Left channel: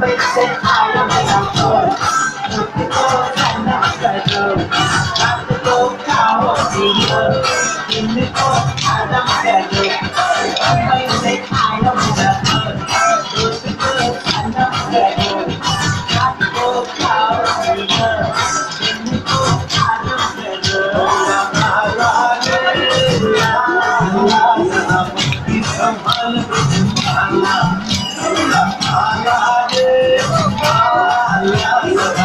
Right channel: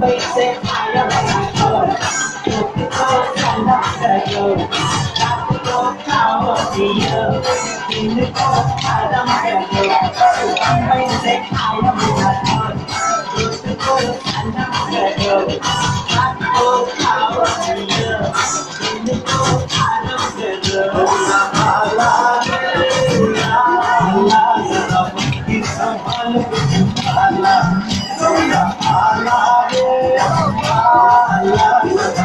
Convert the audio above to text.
Basic, I don't have a look at the kind of treasure. Got to go power the in the court, I don't treasure. Basic, I don't have look at the kind of treasure. Got to go power the in the court, I don't treasure. La la la la la, it's someone la la. Allah, Allah, Allah, Allah.